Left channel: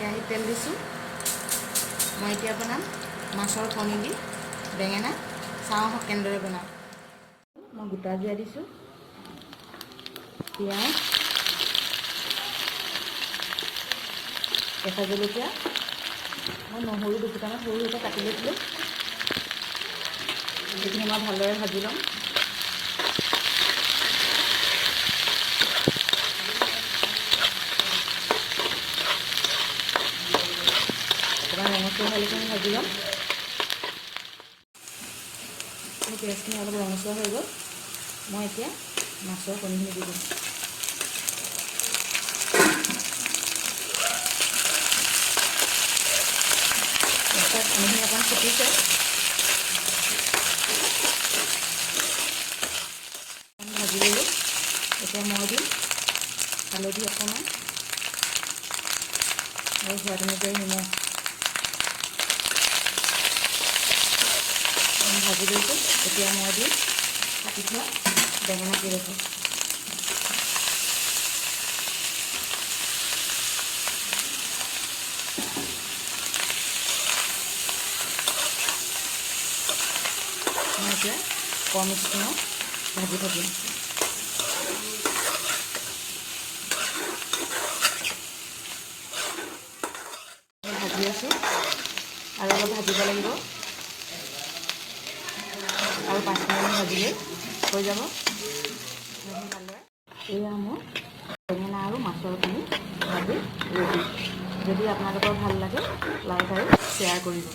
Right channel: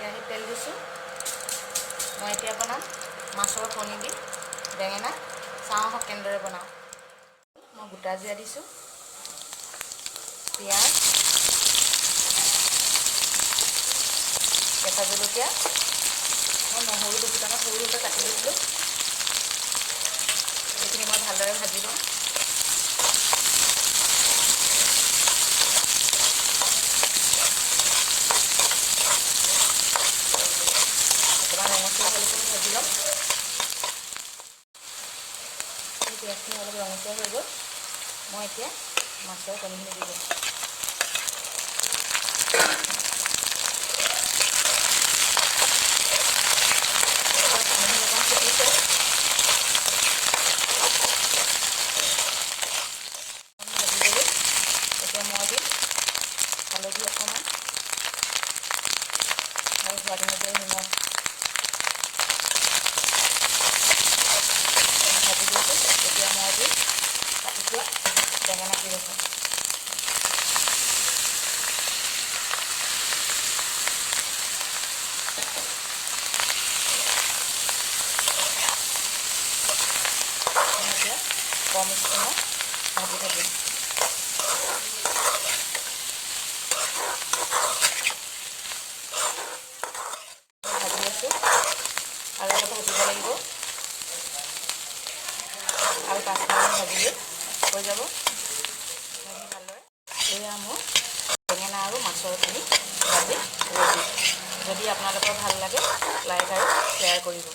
কেৰাহীত তেল দিছোঁ। মই এতিয়া বনাম মাছৰ কণী দি বেঙেনা। চাওঁ আহক কেনেদৰে বনাওঁ। মই গোটা জিৰা দিছোঁ, পিঁয়াজ, কেঁচা জলকীয়া, মই নহৰু দুফুটামান সৰু সৰুকৈ কাটি লৈছিলোঁ। এইখিনি মই ভালদৰে ভাজি লওঁ। অকণমান ৰঙচুৱা হ'লেখিনি ভাজি ল'ম। পিঁয়াজখিনি অলপ ৰঙচুৱা হৈ গ'ল। মই এতিয়া মাছৰ কণীখিনি দি দিম। মাছৰ কণীখিনি অকণমান ফুটিছে। ভাজি ল'লোঁ। এতিয়া মই দিম হালধি অকণমান আৰু সোৱাদ অনুযায়ী নিমখ। ভাজি লৈছোঁ। এতিয়া মই দিম কাটি থোৱা বেঙেনা কেইডোখৰ। মই এতিয়া কম স্পীডত ভাজি থাকিম। ভাজি আছোঁ আৰু অলপ ভাজিব লাগিব। আৰু 5 মিনিট ভাজিলেই হৈ যাব। ভালদৰে এয়া মোৰ বেঙেনা আৰু মাছৰ কণী ভাজি ৰেডি। যদি আপোনালোকৰ ভাল লাগে লাইক আৰু শ্বেয়াৰ কৰিব।